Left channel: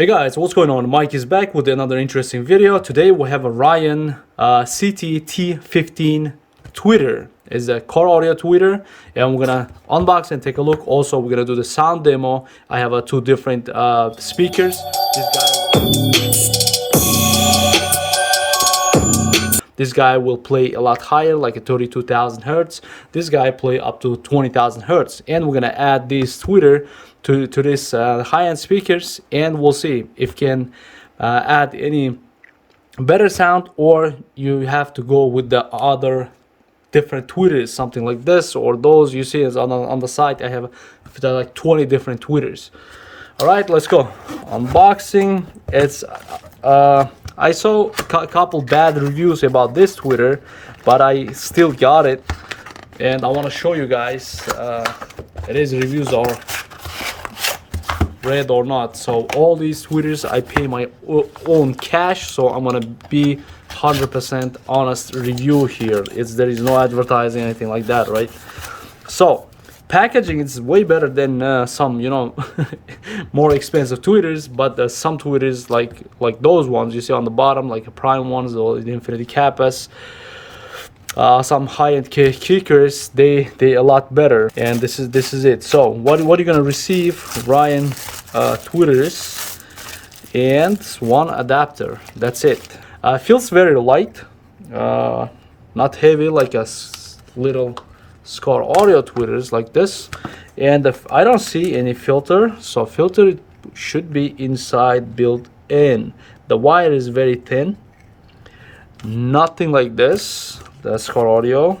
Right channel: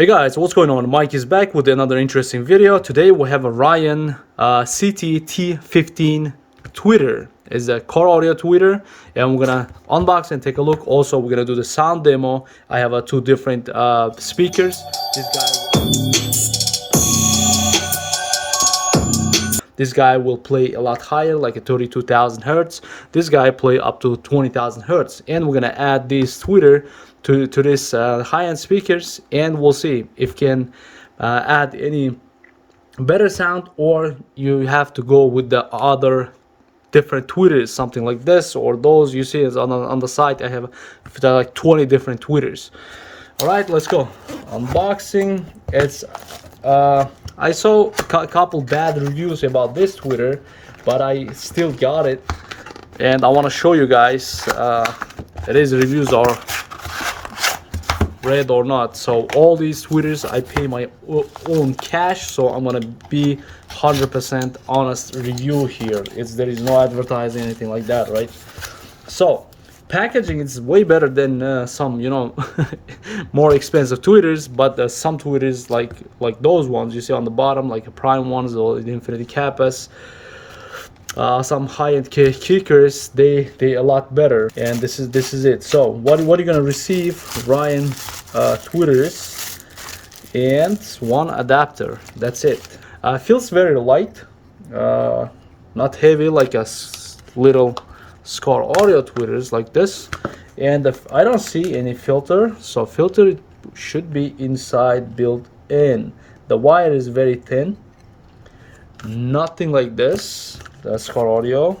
Hey guys, what's going on? Mike is back with another interesting video. Today we have ORION CT-T15 tweeter. It's a car audio tweeter, and we're gonna unbox and take a look. Also, we're gonna do the sound demo. I have two different speakers. This guy will play a lot higher, like a 32,000 hertz. This guy play up to 20,000 hertz, and we're gonna add this tweeter to this high-end speakers, and we'll see if can add any better sound, or you have to go with the other different tweeters, something like this or those. You see, is on the side I have like 20 different tweeters. All right, let's go unboxing. It's I saw a couple bad reviews about this tweeter, but I still got it, and I want to show you guys these reviews are read or not. So all these tweeters I pay my own cash, so I'm gonna be 100% honest review here. There is no advertising, anything like that, right? So packaging is way better than some, you know, more expensive tweeters, but some tweeters like those ones you see on the bottom, like a prime ones or the infinity kappas, some high-end kickers, they a lot better. And this is it. So what are you gonna receive? ORION tweeters and one adapter. That's it. Feels very light, not heavy like a little Skar audio tweeters like this. And I don't see any filter, so filter should be inside built in. The wire is very thin, nothing like this. The Skar audio,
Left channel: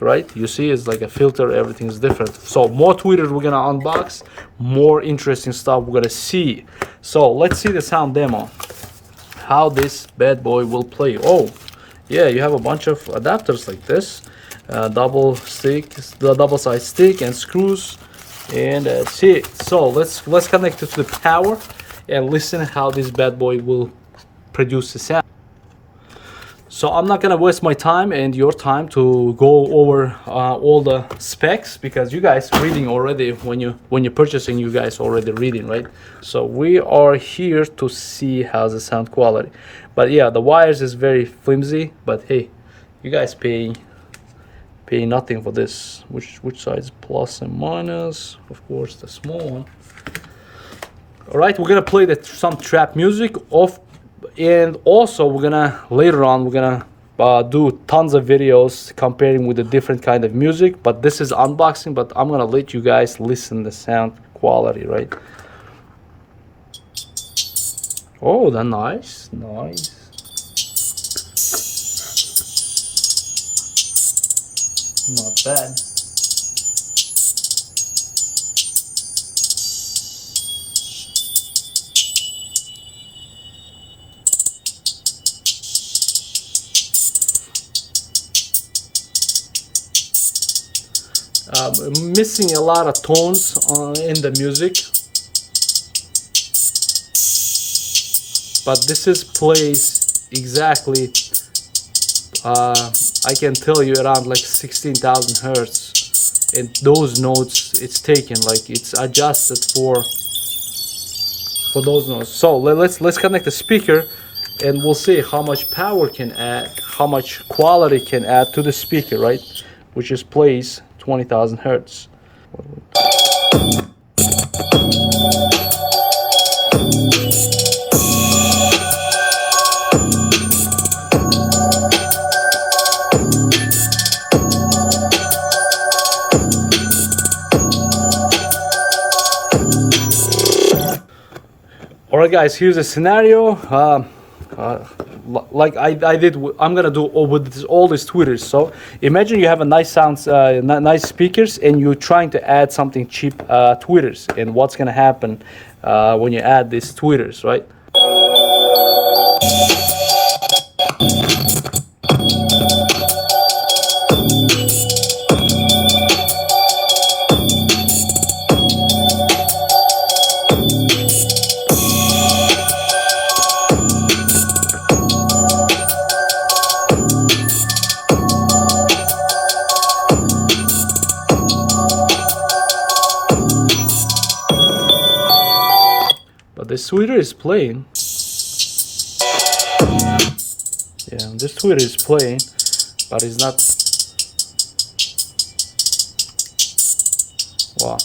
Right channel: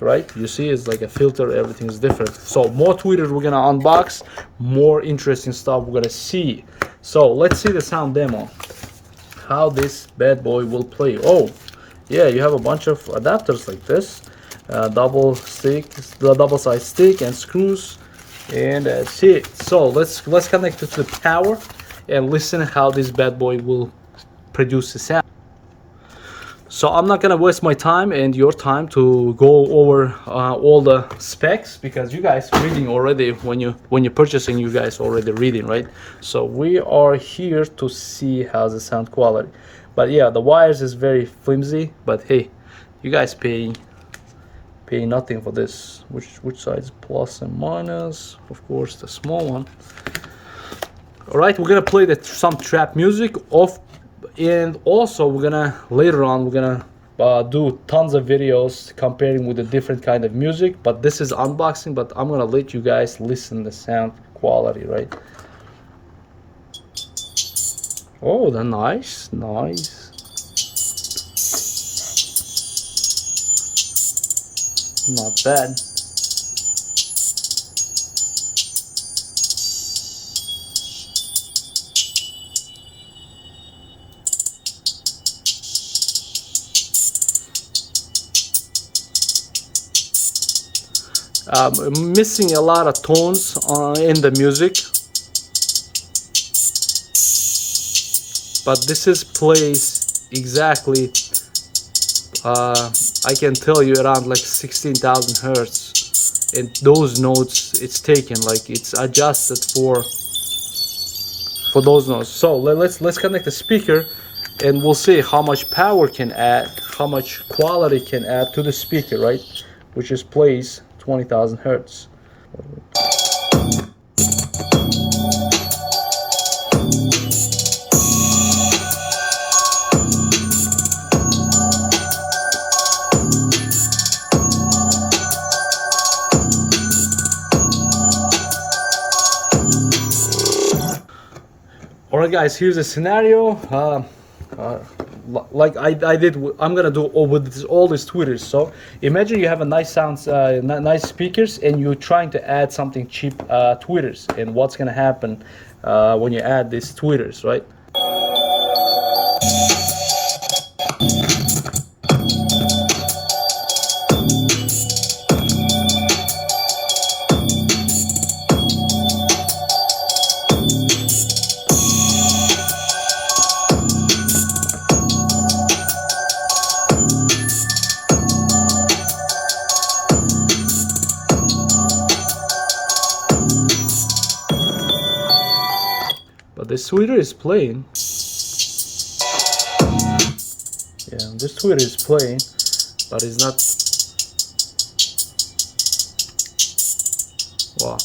right? You see, it's like a filter, everything is different. So more tweeters we're gonna unbox, more interesting stuff we're gonna see. So let's see the sound demo, how this bad boy will play. Oh yeah, you have a bunch of adapters like this, double side stick and screws, and that's it. So let's connect it to the power and listen how this bad boy will produce the sound. So I'm not gonna waste my time and your time to go over all the specs, because you guys reading already. When you're purchasing, you guys already reading, right? So we are here to see how's the sound quality. But yeah, the wires is very flimsy, but hey, you guys pay nothing for this. Which side is plus and minus? Of course, the small one. All right, we're gonna play some trap music off. And also later on we're gonna do tons of videos comparing with the different kind of music, but this is unboxing. But I'm gonna let you guys listen the sound quality, right? Oh, that's nice. Not bad. Missing a lot of tones in the music, but this plays exactly, I can tell you, around like 16,000 hertz, and those notes it's taken, like it's adjusted for those notes. So let's connect the speaker, and we'll see how much power can add, how much quality can add to the speaker, right? Which is plays 20,000 hertz. All right, guys, here's a scenario. Like I did, I'm gonna do with all these tweeters. So imagine you have a nice sounds, nice speakers, and you're trying to add something cheap tweeters, and what's gonna happen when you add these tweeters, right? But this this tweeter is playing. Yeah, this tweeter is playing, but it's not. Wow,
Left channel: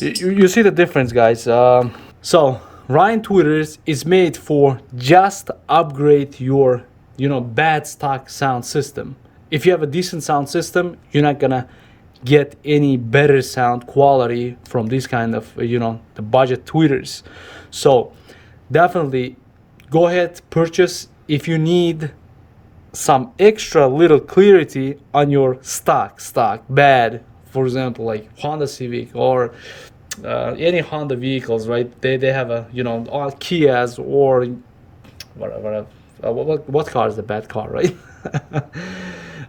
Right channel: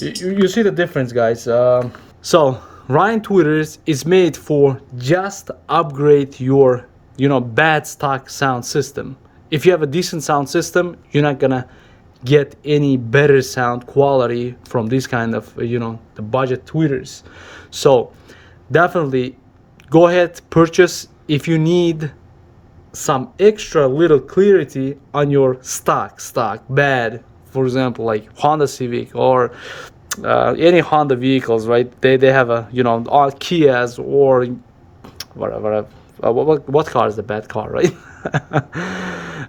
you see the difference, guys. So ORION tweeters is made for just upgrade your, you know, bad stock sound system. If you have a decent sound system, you're not gonna get any better sound quality from this kind of, you know, the budget tweeters. So definitely go ahead, purchase if you need some extra little clarity on your stock bad, for example, like Honda Civic or any Honda vehicles, right? They have a, you know, Kias or whatever. What car is the bad car, right?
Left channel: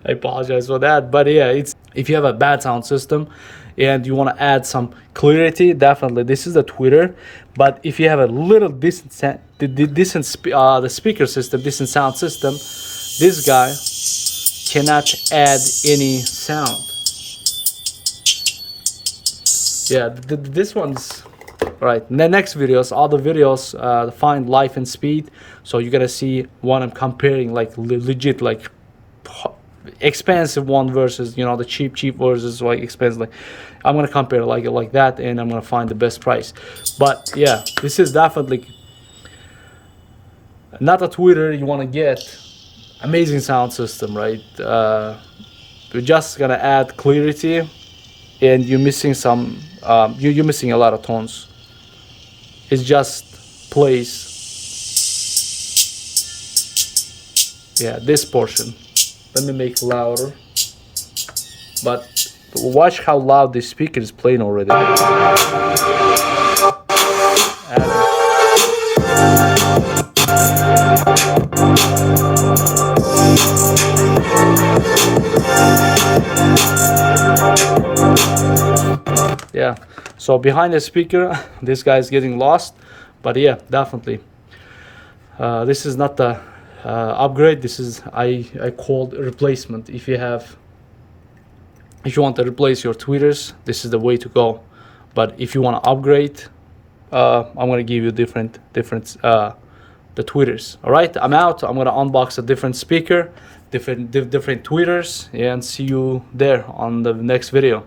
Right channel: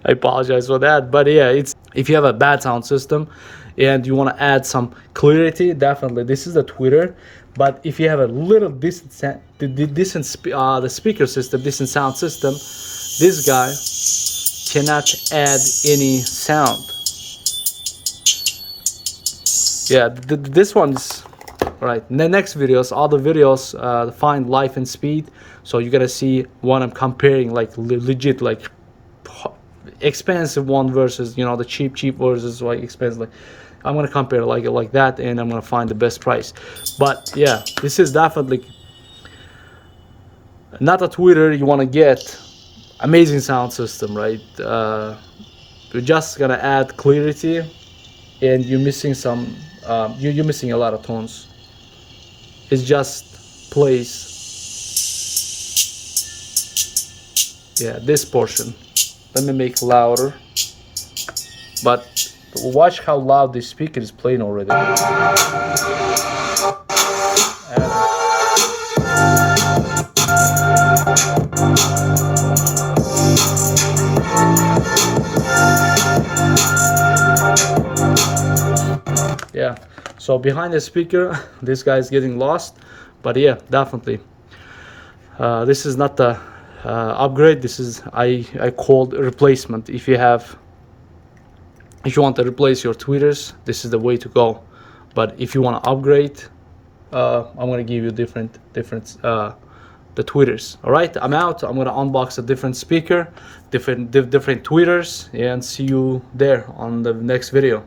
I apologize for that, but yeah, it's, if you have a bad sound system and you want to add some clarity, definitely this is the tweeter. But if you have a little decent the speaker system, decent sound system, this guy cannot add any sound. Yeah, this one's right. In the next videos, all the videos find life and speed, so you're gonna see what I'm comparing, like legit, like expensive one versus, you know, the cheap versus like expensive. I'm gonna compare like that, and I'm gonna find the best price. But yeah, this is definitely not a tweeter you want to get. Amazing sound system, right? You're just gonna add clarity, and you're missing some. You're missing a lot of tones. It just plays. Yeah, this portion. Let me make louder. But watch how loud this speaker is playing already. Yeah, so behind the speaker, this guy is getting lost. But yeah, definitely. This is not the upgrade. This is I called replacement. If you want to replace your tweeters, this is the way to go. But if you want to upgrade, I'm gonna give you different the tweeters. All right, I'm out. I'm gonna unbox a different speaker, different tweeters, and see you there on the next video.